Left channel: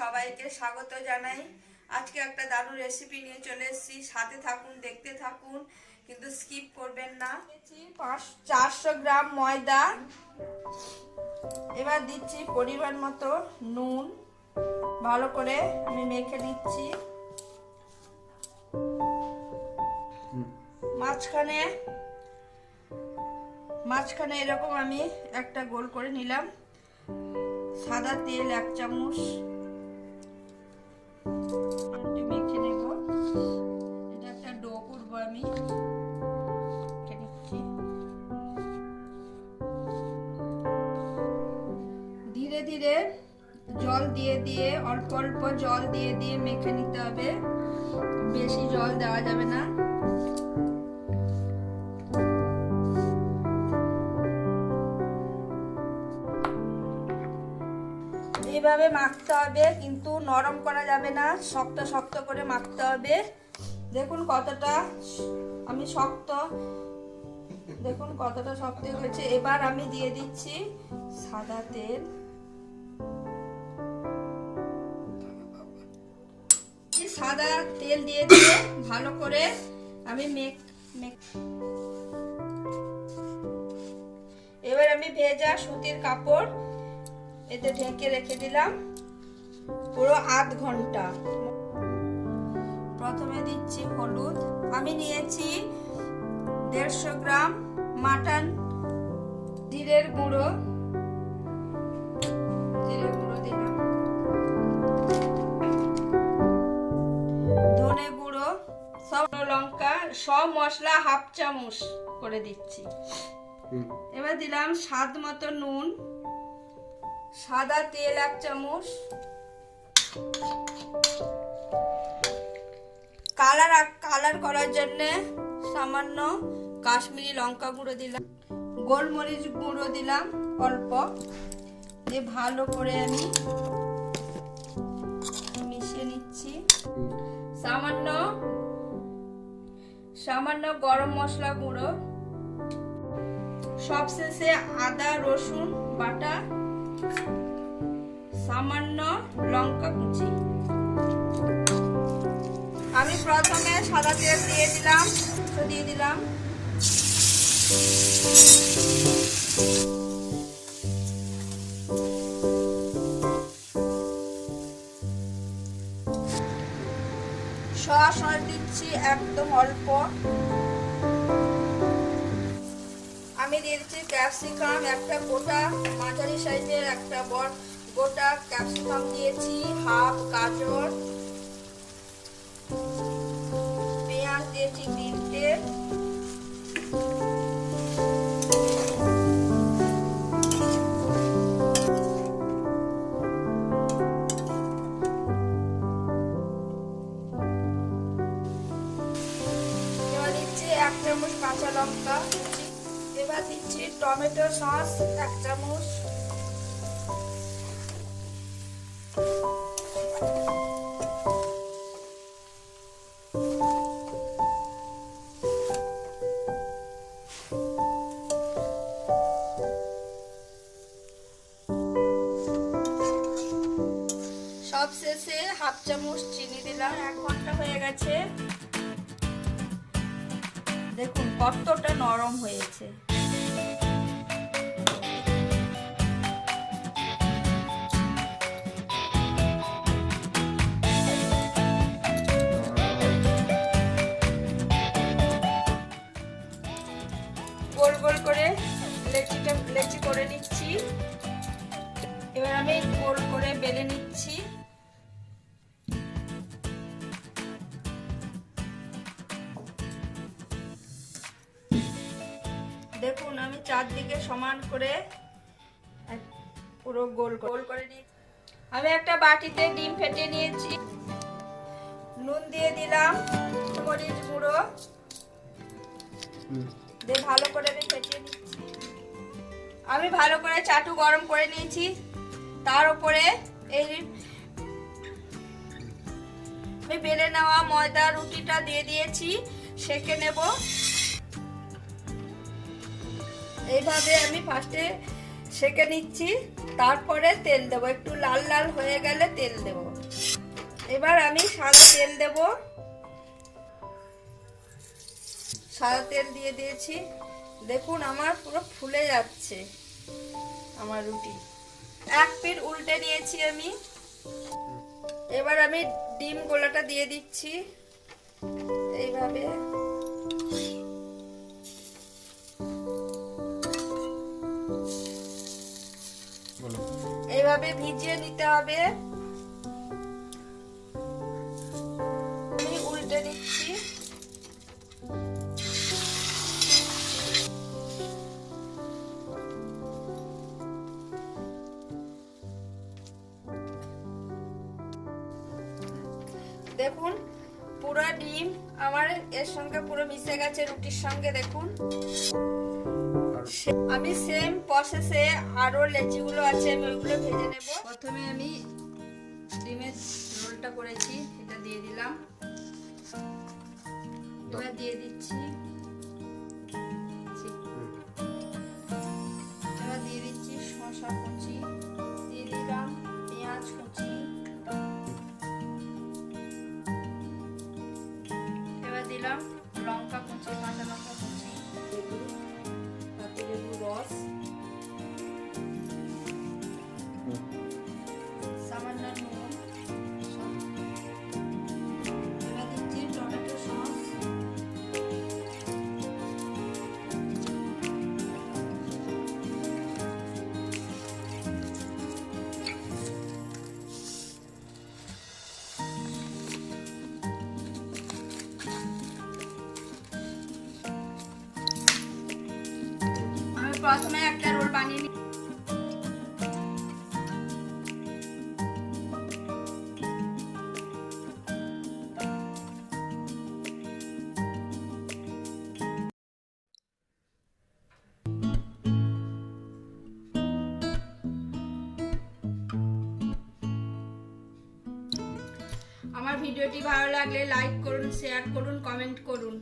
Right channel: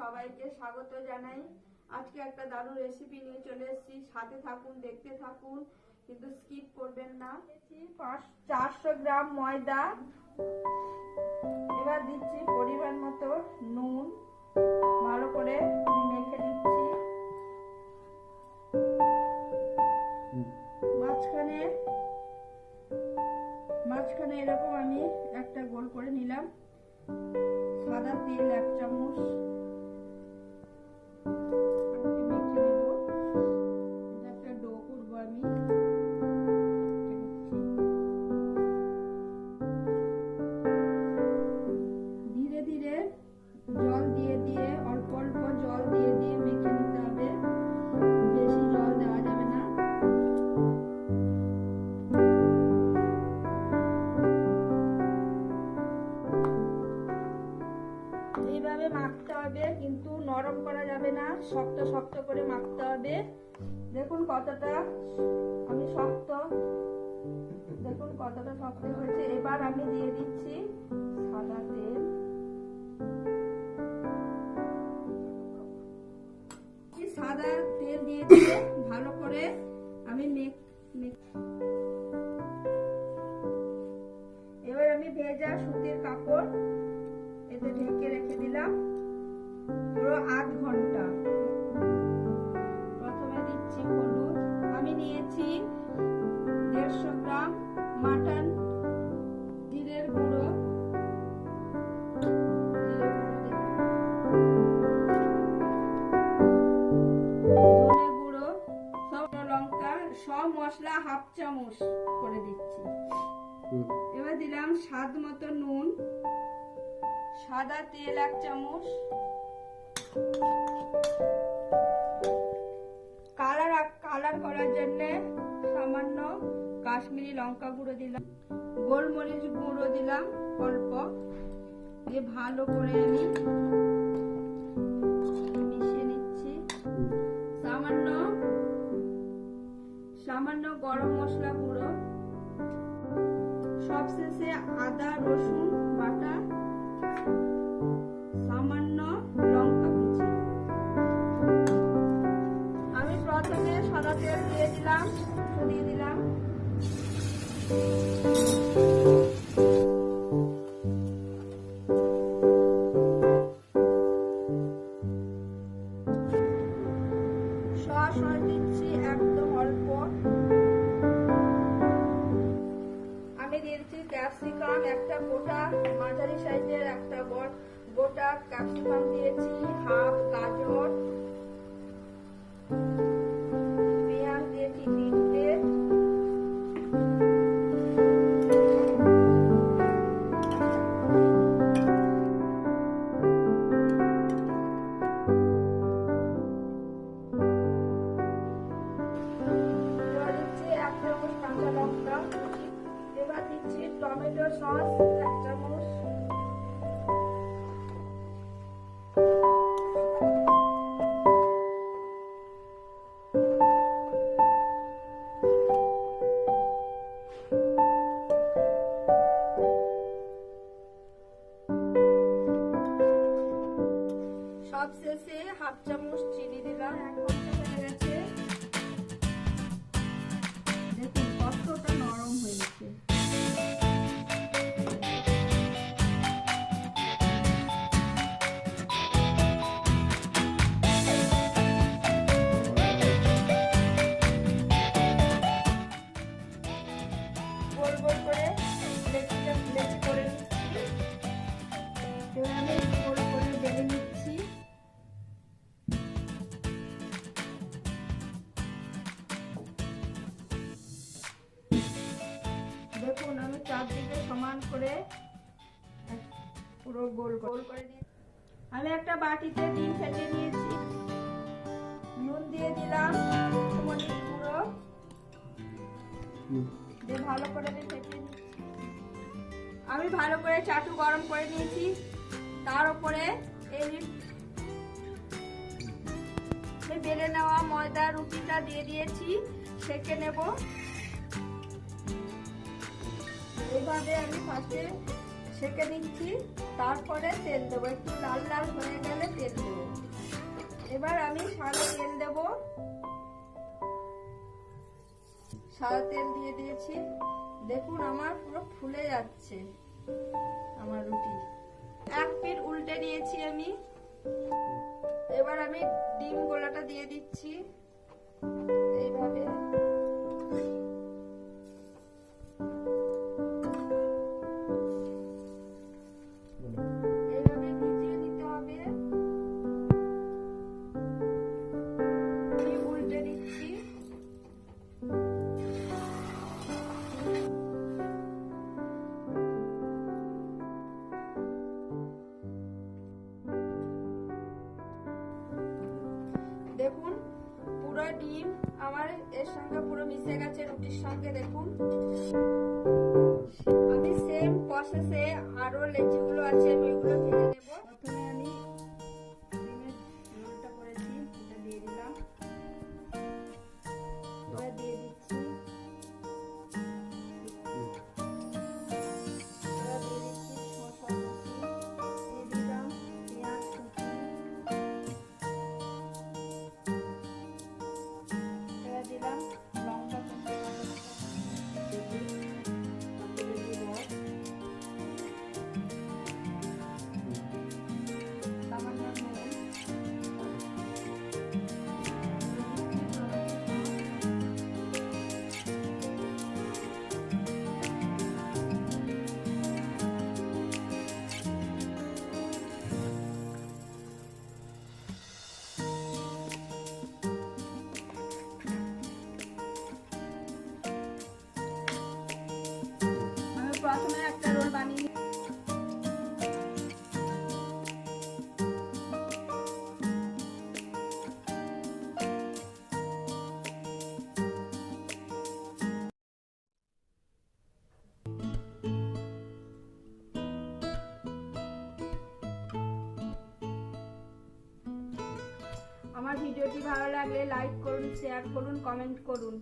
সবাইকে স্বাগত জানাই। আজকে একটা দারুণ রেসিপি নিয়ে চলে এসেছি। সাথে থাকুন, দেখতে থাকুন, কিন্তু স্কিপ করবেন না। পাঁচ, চারশো গ্রাম ময়দা। এবার দিচ্ছি পরিমাণ মতো নুন। ভালো করে আমি মেখে দিচ্ছি মাঝখানে মাঝখানে এরকম আমি একটা গোল করে নিলাম। সাদা তেল এক চামচ। মেখে নেব এটা একটা ডো করব আমি ধীরে ধীরে জল দিয়ে দিয়ে, অল্প অল্প জল দিয়ে দিয়ে মেখে নিতে হবে। বেশি জল দেওয়া যাবে না। এইভাবে মাখতে হবে, কিন্তু নরম করা যাবে না। শক্ত শক্ত করে মাখতে হবে। দেখুন কতটা আমি শক্ত। দেখুন কতটা শক্ত হয়েছে। এবার আমি দিয়ে দিচ্ছি সাদা তেল। সাদা তেল দিয়ে দিয়ে ভালো করে আমি মেক মেক এবার আমি ভেজা সুতির কাপড় এতে ঢেকে রেখে দিলাম পুরো আধ ঘণ্টা। প্রথমে দিচ্ছি হলুদ। আমি নিয়েছি দেড়শো গ্রাম মাটন জিরের গুঁড়ো। জিরের গুঁড়ো দিলাম। ধনে গুঁড়ো সব লঙ্কা সব মশলা হাফ চামচ করে দিচ্ছি। এবার দিলাম স্বাদ মতো নুন। সাদা তেল এক চামচ। কালার কালার করার জন্য সামান্য কাশ্মীরি লঙ্কা গুঁড়ো দিলাম। গোলমরিচ গুঁড়ো দিলাম অল্প। দিয়ে ভালো করে আমি মিশিয়ে নিচ্ছি। সামান্য সামান্য গরম মশলা গুঁড়ো। সবশেষে আদা, রসুন বাটা সামান্য লঙ্কা কুচি। আমি প্রথমে সাদা তেল দিয়ে দিলাম দিয়ে দিলাম। সস দিচ্ছি একদম অল্প। আমি দিয়ে দিচ্ছি ক্যাপসিকাম, একটা গোটা মাঝারি সাইজের একটা বড় গোটা ক্যাপসিকাম দিয়েছি, হাফ গাজর, পেঁয়াজ দিয়েছি তিনটে। এক চামচ কাঁচা লঙ্কা, এবার দিচ্ছি টমেটো সস, এক চামচ নরম হয়েছে। গোল গোল করে দেখুন আমি চারদিকে সমান করে পুরো গোল গোল করে নিই আমি একটা বাটিতে ডিম ফেটে নিয়েছি। নুন দিয়ে দিলাম মরিচ গুঁড়ো। দিয়ে ভালো করে আমি ফেটিয়ে নিচ্ছি আমি ভালো করে চাটু গরম করে নিয়েছি। তার উপরে এই আমি বেলে নেওয়া ময়দা রুটিটা দিয়ে দিয়েছি। সেকে নেব। এইভাবে আমি ফার্স্টে সেকে নিচ্ছি, তারপরে তেল দেবো। একটু লাল লাল হয়ে গেলে তেল দেবো। এবার আমি সাদা তেল দেব। সাদা তেল দিয়ে দিয়েছি। দেখুন, আমার পুরো ফুলে যাচ্ছে আমার রুটি। এক পিঠ উল্টে নিয়েছি আমি। এবার আমি ডিম গোলাটা দিয়ে দিচ্ছি। এইভাবে। এইভাবে ভিজিয়ে দিতে হবে। আমি উল্টে দিচ্ছি। দেখুন, পুরো ডিম আমার এর সঙ্গে পুরো মিশে গেছে রুটির সঙ্গে, দেখুন। আমি সেম প্রসেসে আরও লেচিগুলো আছে, আমি ওগুলো ভেজে নেব। প্রথমে আমি ডিমের রোলটা করেছি, এটা দিয়ে দিলাম। এবার দিয়ে দিচ্ছি প্রথমে একটা রোল বানিয়ে নিই আমার ভিডিওটি ভালো লাগলে লাইক করুন, শেয়ার করুন, কমেন্ট করুন।